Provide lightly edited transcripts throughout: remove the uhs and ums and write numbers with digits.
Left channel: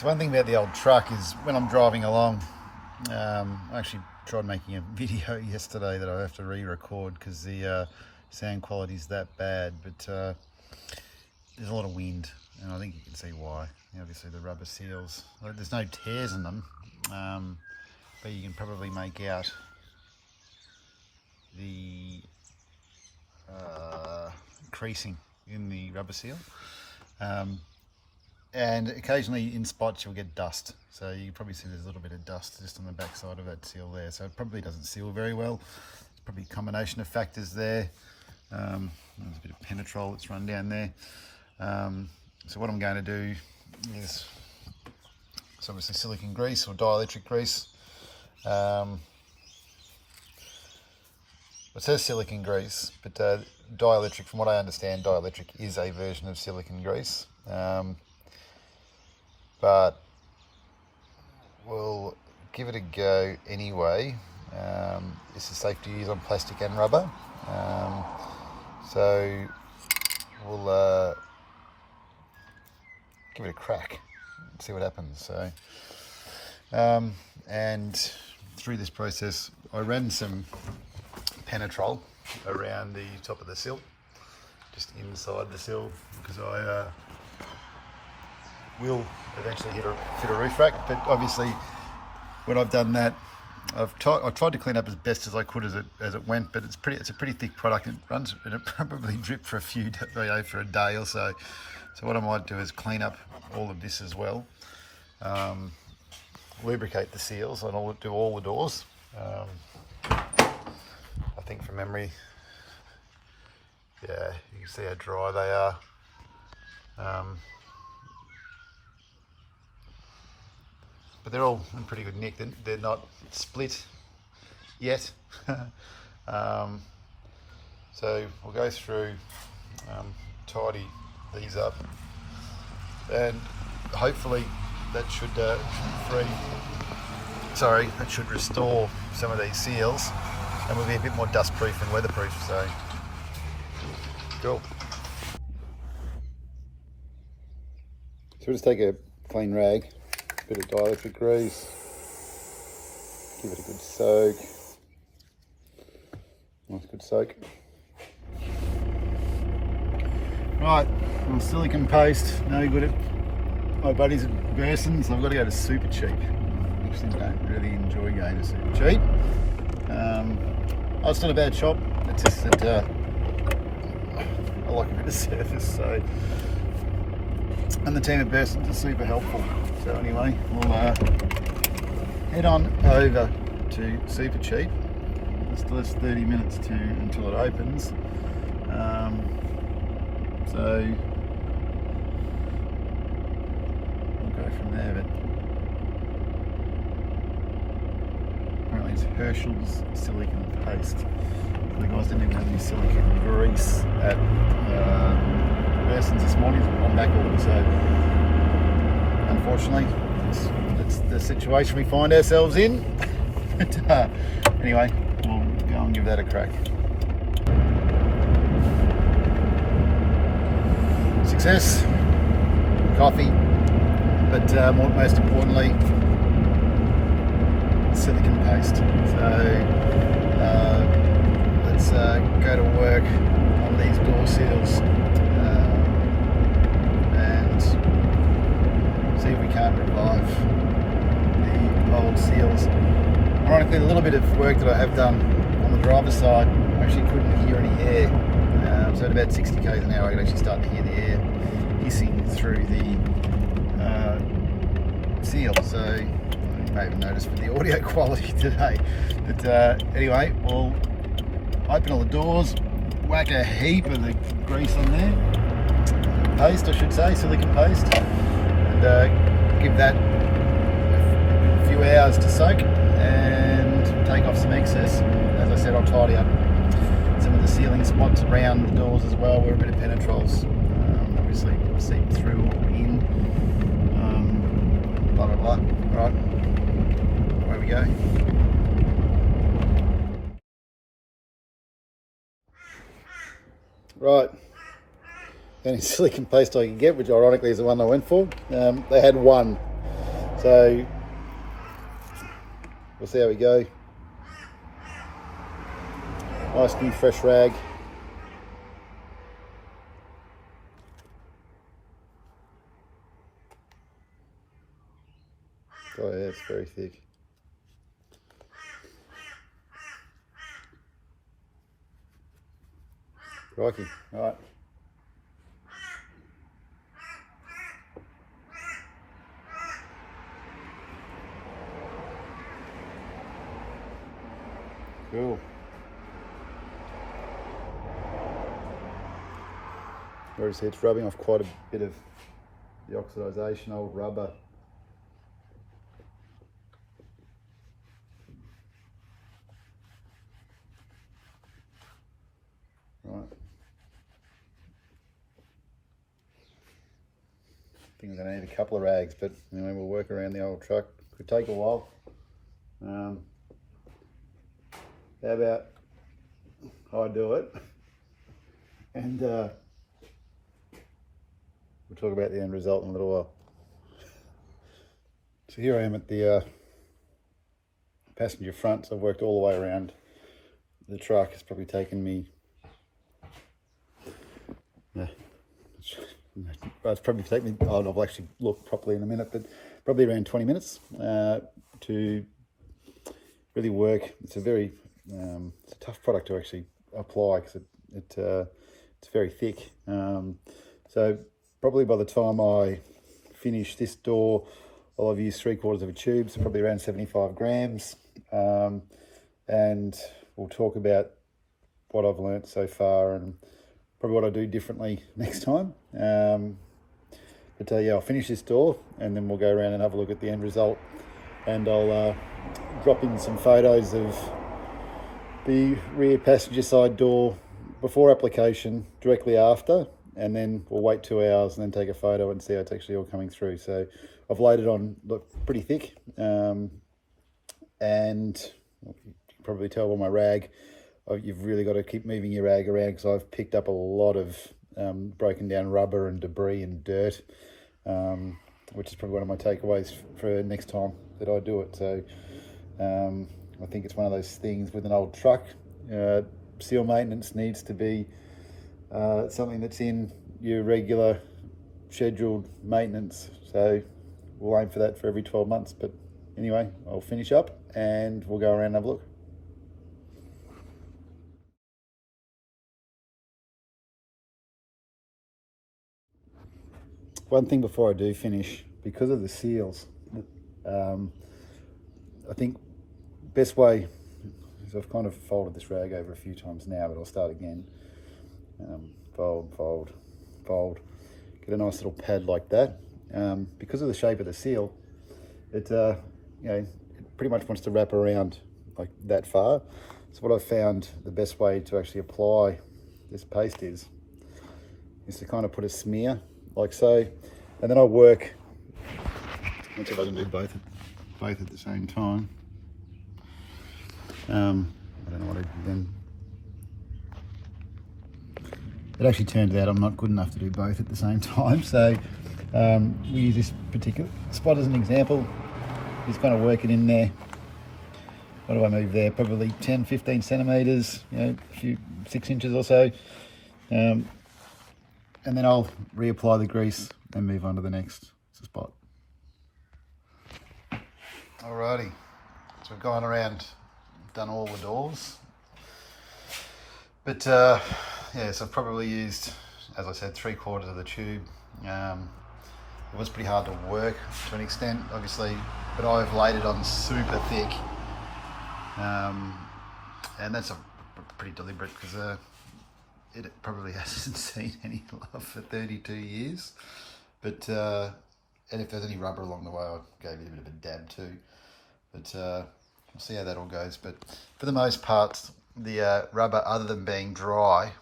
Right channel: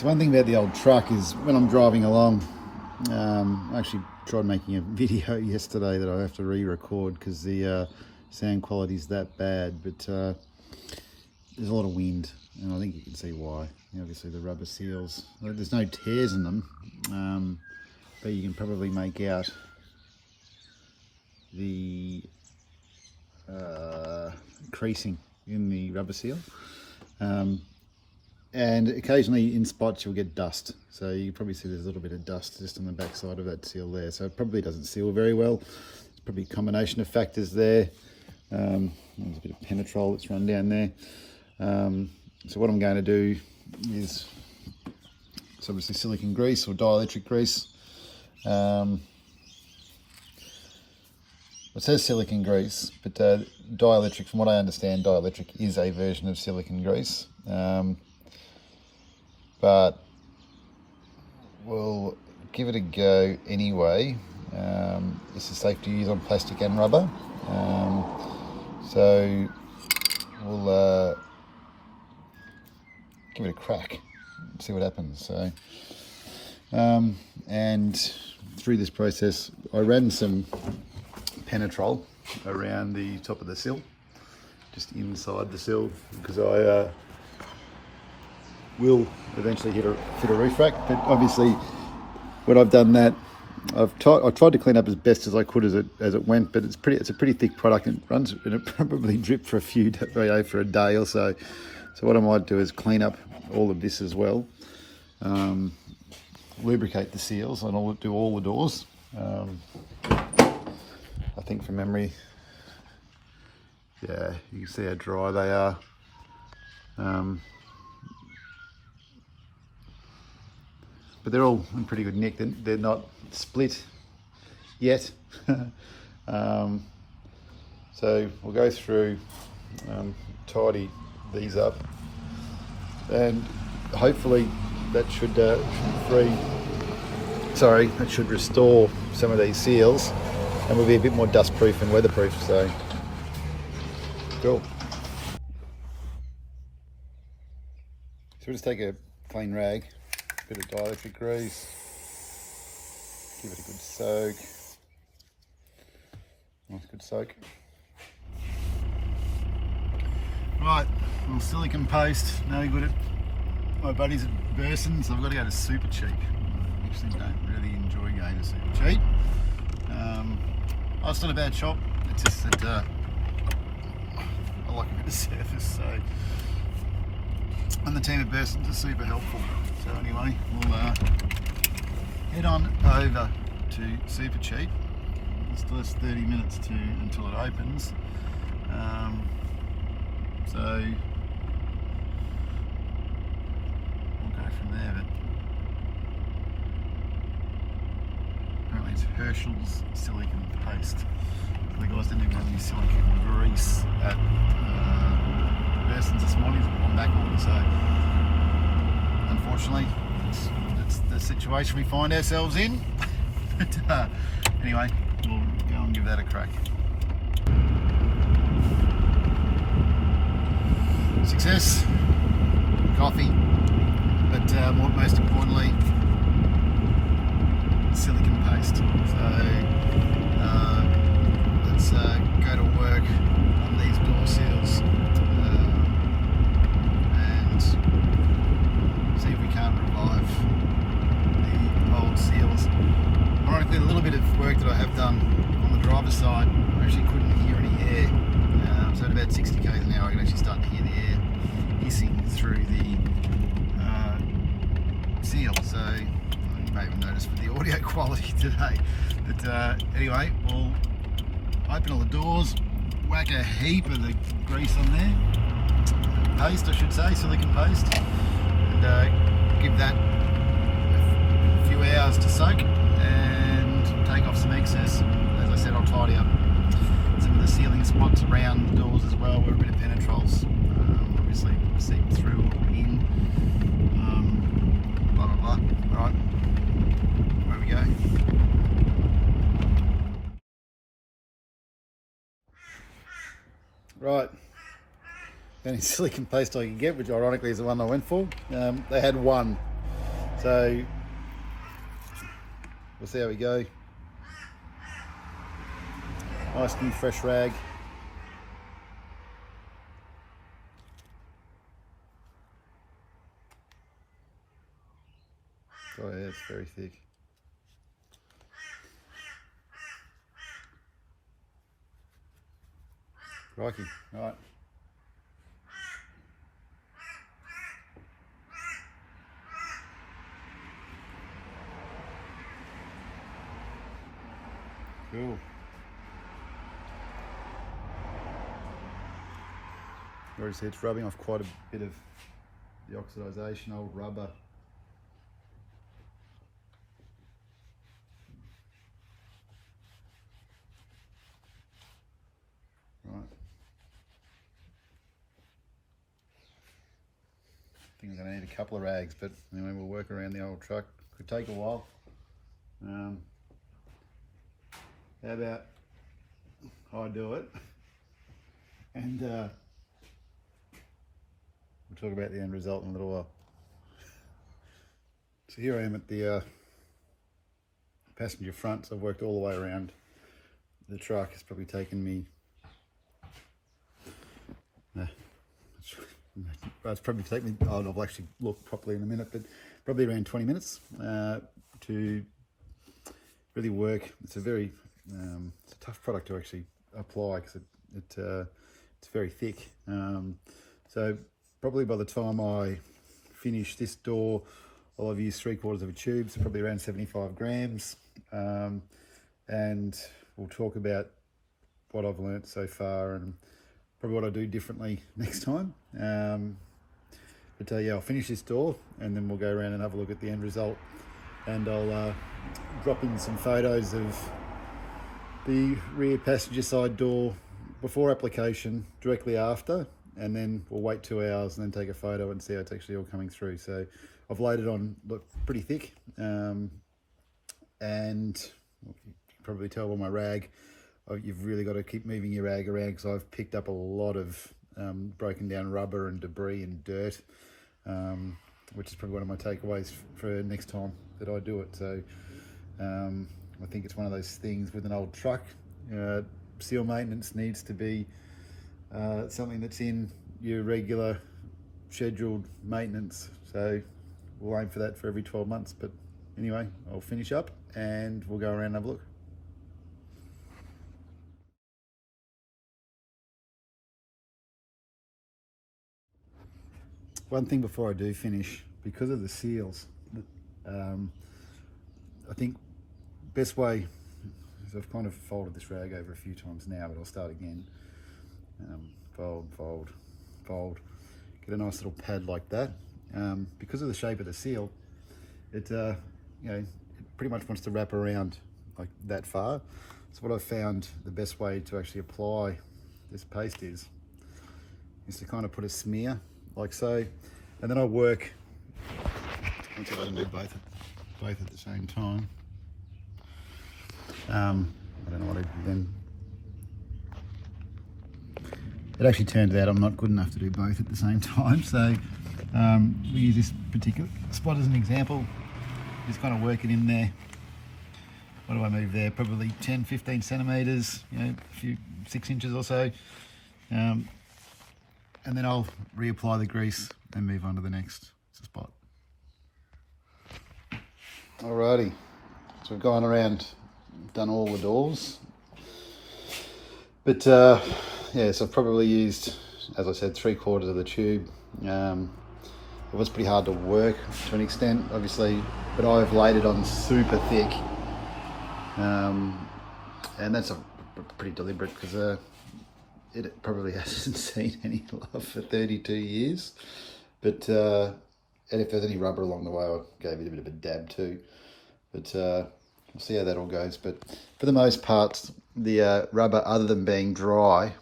So one thing about the old truck is when I'm driving along, I actually tried making a video yesterday that I have to re-record because the sound quality is that bad, but there's a lot of wind and I think you can see why. Obviously the rubber seals, there's no tears in them, but you can probably make out the creasing in the rubber seal. And occasionally in spots you'll get dust, so you probably see there's a little bit of dust just on the back side of that seal there, so it probably doesn't seal very well. It's probably a combination of factors there. There's a bit of penetrol that's run down there. So what I'm going to do is, it's obviously silicone grease or dielectric grease. It says silicone grease, but dielectric, from what I understand, dielectric is a version of silicone grease. But we'll give it a go anyway. This is safe to use on plastic and rubber. So we'll give it a crack, see what happens. So, and through this process, I ran some penetrol around the top of the sill, just inside the sill, because I will eventually hit a roof rack. But obviously, when I've done that, I tried to clean up as best as I could as it went. But it's a pretty thick product, and it probably dripped for a day or so. So what I might do is clean up all of this as well, lubricate the seals, and I'll do all the doors. I think from memory, yeah, you can see how dry they are. But they're all in pretty good nick. They're not split yet. So we'll go through, tidy these up, and hopefully that should restore some of these seals, and will be a bit more dust proof and weatherproof. So cool. So we'll just take a clean rag, bit of dielectric grease, give it a good soak. Nice good soak. Right, well, silicone paste, no good at my buddies at Burson, so I've got to go to Super Cheap. I actually don't really enjoy going to Super Cheap. It's not a bad shop, it's just that I like a bit of surface, so. And the team at Burson's are super helpful. So anyway, we'll head on over to Super Cheap. Still has 30 minutes until it opens. So we'll go from there. But apparently it's Herschel's silicone paste. The guys didn't even have any silicone grease at Burson's this morning. I'm back order. So unfortunately, that's the situation we find ourselves in. But anyway, we'll go and give that a crack. Success, coffee, but most importantly, silicone paste. So let's go to work on these door seals and see if we can't revive the old seals. Ironically, the little bit of work that I have done on the driver's side, I actually couldn't hear any air. So at about 60 k's an hour, I could actually start to hear the air hissing through the seal. So you may have noticed with the audio quality today. But anyway, we'll open all the doors, whack a heap of the grease in there, paste I should say, silicone paste, and give that a few hours to soak and take off some excess. As I said, I'll tidy up some of the sealing spots around the doors as well, where a bit of penetrol's obviously seeped through or in. Blah blah blah. Right, away we go. Right, any silicone paste I could get, which ironically is the one I went for. They had one, So we'll see how we go. Nice new fresh rag. Oh yeah, it's very thick. Crikey, right. Cool. Whereas it's rubbing off quite a bit of the oxidisation, old rubber. Right. I think I'm going to need a couple of rags, but anyway, we'll work around the old truck. Could take a while. How about I do it, and we'll talk about the end result in a little while. So here I am at the passenger front. So I've worked all the way around the truck. It's probably taken me it's probably taken me, I'll actually look properly in a minute, but probably around 20 minutes to really work. It's a very it's a tough product to actually apply because it's very thick. So probably by the time I finish this door, I'll have used 3/4 of a tube, so probably around 75 grams. And we'll talk about what I've learnt so far and probably what I do differently next time. But yeah, I'll finish this door and then we'll go around and have a look at the end result. And I'll drop in some photos of the rear passenger side door before application, directly after, and then we'll wait 2 hours and then take a photo and see how it's actually all coming through. So I've laid it on, look, pretty thick, and you can probably tell by my rag, you've really got to keep moving your rag around because I've picked up a lot of broken down rubber and debris and dirt, which is probably one of my takeaways for next time that I do it. So I think it's one of those things with an old truck. Seal maintenance needs to be something that's in your regular scheduled maintenance. So we'll aim for that for every 12 months. But anyway, I'll finish up and we'll go around and have a look. One thing before I do finish, because of the seals, I think best way is I've kind of folded this rag over a few times now, but I'll start again. Fold, fold, fold. Get a nice little pad like that. Because of the shape of the seal, it it pretty much wants to wrap around like that far. So what I've found the best way to actually apply this paste is to kind of put a smear like so, and then I work. Let's see if I can do both at the same time. I don't know what I do then. It actually turns out I'm not good enough to do both at the same time. So we use this particular spot as an example. Just kind of work it in there. What do I move there? Probably 10, 15 centimeters, a few 6 inches or so. And then I'll reapply the grease and move on to the next spot. Alrighty, so we've gone around, done all the doors. But yeah, so I've probably used, as I said, 3/4 of the tube. It was pretty hard to work to an extent, obviously, but I've laid it on super thick. And that's pretty deliberate because it probably hasn't seen any love for 32 years. But and if there's any rubber along the way, I gave it a bit of a dab too. But we'll see how that all goes. But for the most part, the rubber, other than being dry,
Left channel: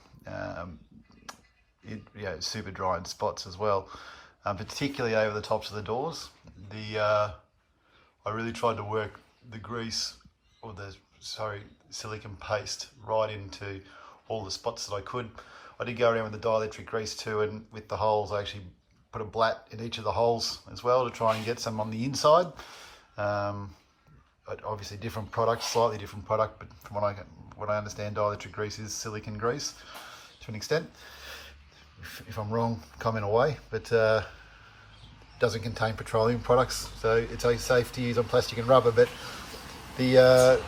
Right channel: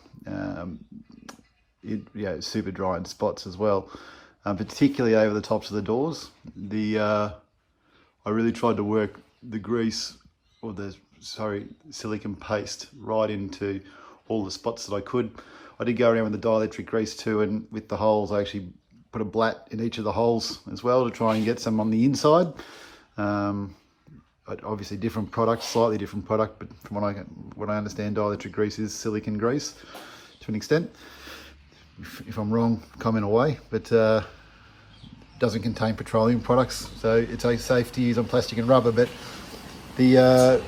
it's super dry in spots as well, particularly over the tops of the doors. I really tried to work the grease, or the silicone paste right into all the spots that I could. I did go around with the dielectric grease too, and with the holes I actually put a blat in each of the holes as well to try and get some on the inside. But obviously different product, slightly different product, but from what I understand, dielectric grease is silicone grease to an extent. If I'm wrong, comment away, but doesn't contain petroleum products, so it's safe to use on plastic and rubber. But the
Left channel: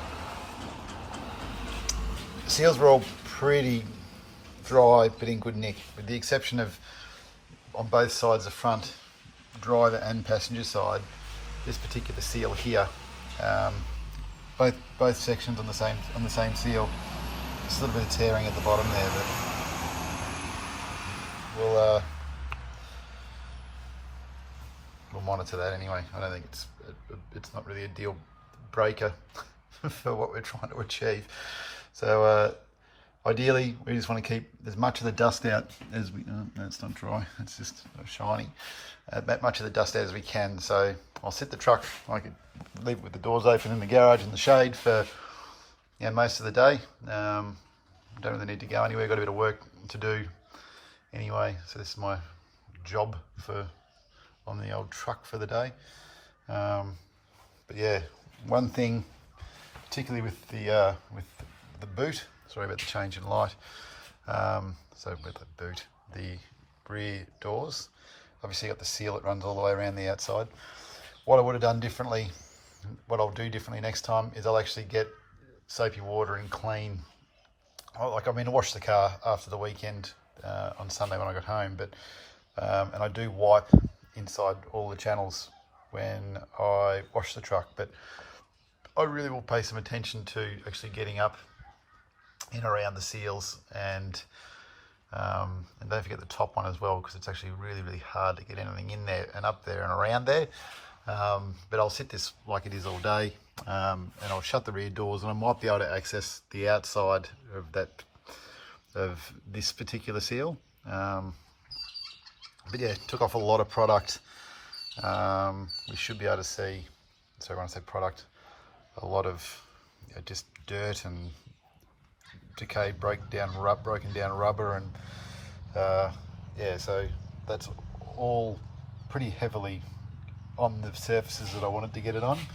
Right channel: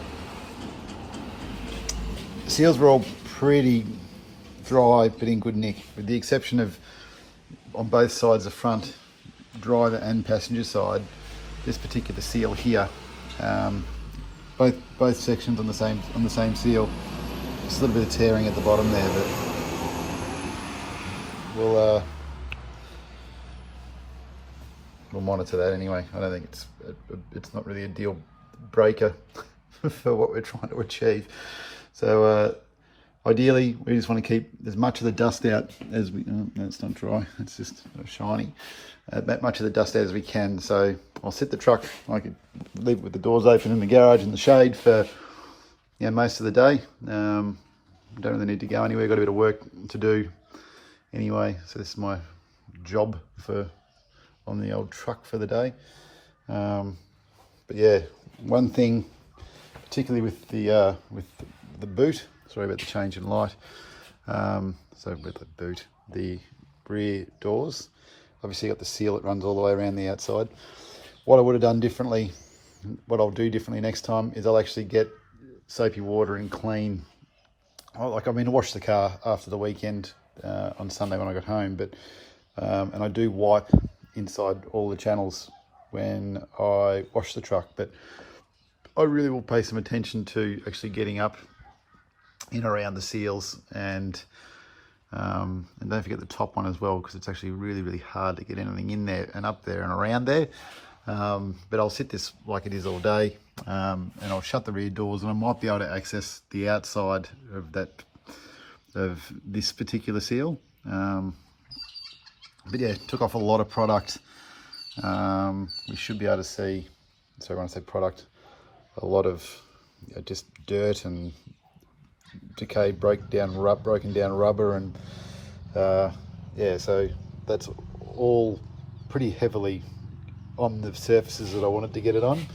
seals were all pretty dry but in good nick, with the exception of on both sides, the front, driver and passenger side. This particular seal here, both sections on the same seal. Just a little bit of tearing at the bottom there, but we'll monitor that anyway. I don't think it's not really a deal breaker for what we're trying to achieve. So ideally, we just want to keep as much of the dust out as we. No, it's not dry. It's just shiny. That much of the dust out as we can. So I'll sit the truck. I could leave it with the doors open in the garage in the shade for most of the day. Don't really need to go anywhere. Got a bit of work to do anyway. So this is my job on the old truck for the day. But yeah, one thing, particularly with the boot. Sorry about the change in light. So with the boot, the rear doors. Obviously got the seal that runs all the way around the outside. What I would have done differently, what I'll do differently next time, is I'll actually get soapy water and clean. I washed the car after the weekend on Sunday when I got home, but and I do wipe inside all the channels when I wash the truck. But I really will pay some attention to actually getting up in around the seals, and don't forget the top one as well, because it's actually really hard to get anything in there and up there and around there. But I'll sit this like it is all day, and I'll shut the rear doors, and I might be able to access the outside of this particular seal. But yeah, took off a lot of product. We should be able to see, so when I say product, a lot of just dirt and decayed, broken down rubber, and yeah, so that's all pretty heavily on the surfaces that I wanted to get it on.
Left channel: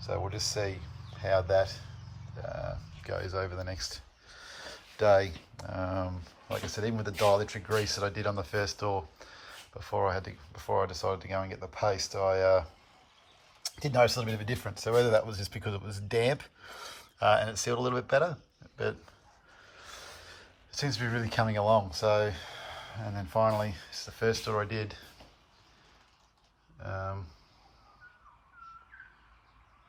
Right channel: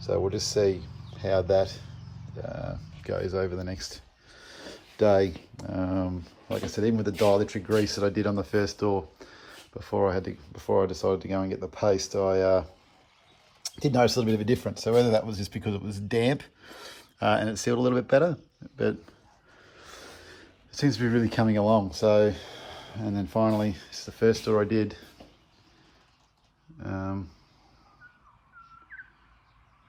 So we'll just see how that goes over the next day. Like I said, even with the dielectric grease that I did on the first door before I decided to go and get the paste, I did notice a little bit of a difference. So whether that was just because it was damp and it sealed a little bit better, but it seems to be really coming along. So, and then finally, this is the first door I did.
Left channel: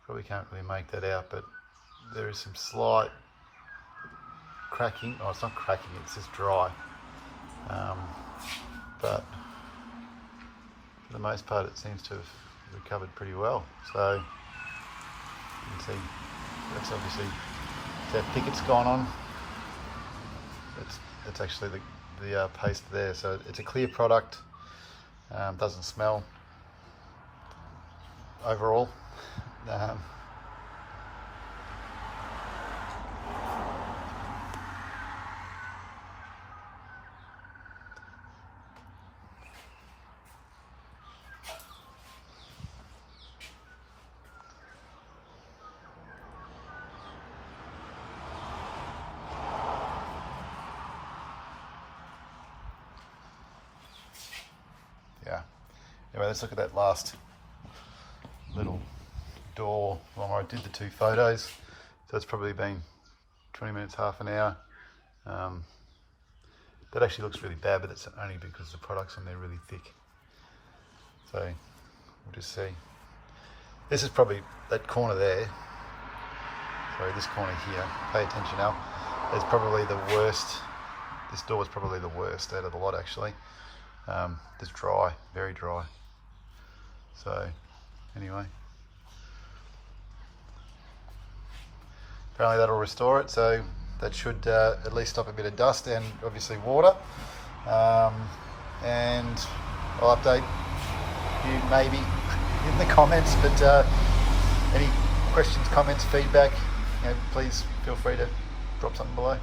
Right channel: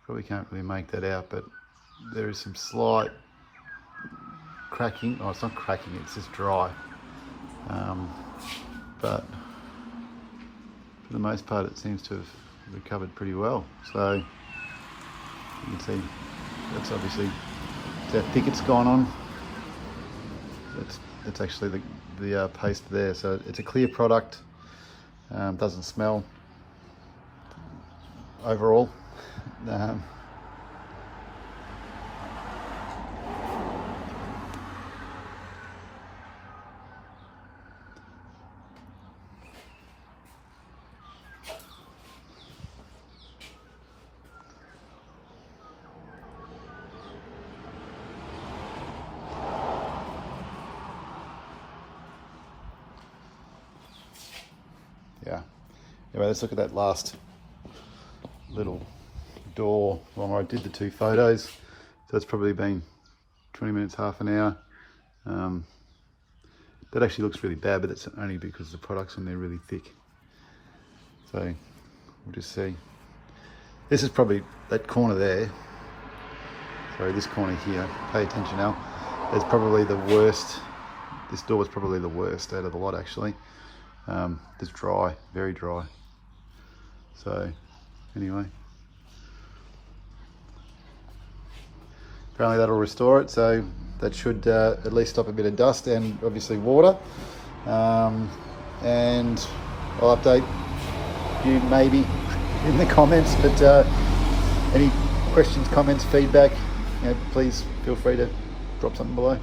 Probably can't really make that out, but there is some slight cracking. Oh, it's not cracking, it's just dry. But for the most part, it seems to have recovered pretty well. So you can see that's obviously how thick it's gone on. It's actually the paste there. So it's a clear product. Doesn't smell overall. Yeah. Anyway, let's look at that last little door while I did the two photos. So it's probably been 20 minutes, half an hour. That actually looks really bad, but it's only because the product's in there really thick. So we'll just see. This is probably that corner there. Sorry, this corner here. Pay attention now. It's probably the worst. This door is probably the worst out of the lot, actually. It's dry, very dry. So anyway, apparently that'll restore it, so that should at least stop a bit of dust and obviously water. And I'll update you maybe in the comments, but any questions, comments, feedback, please feel free to drop something below.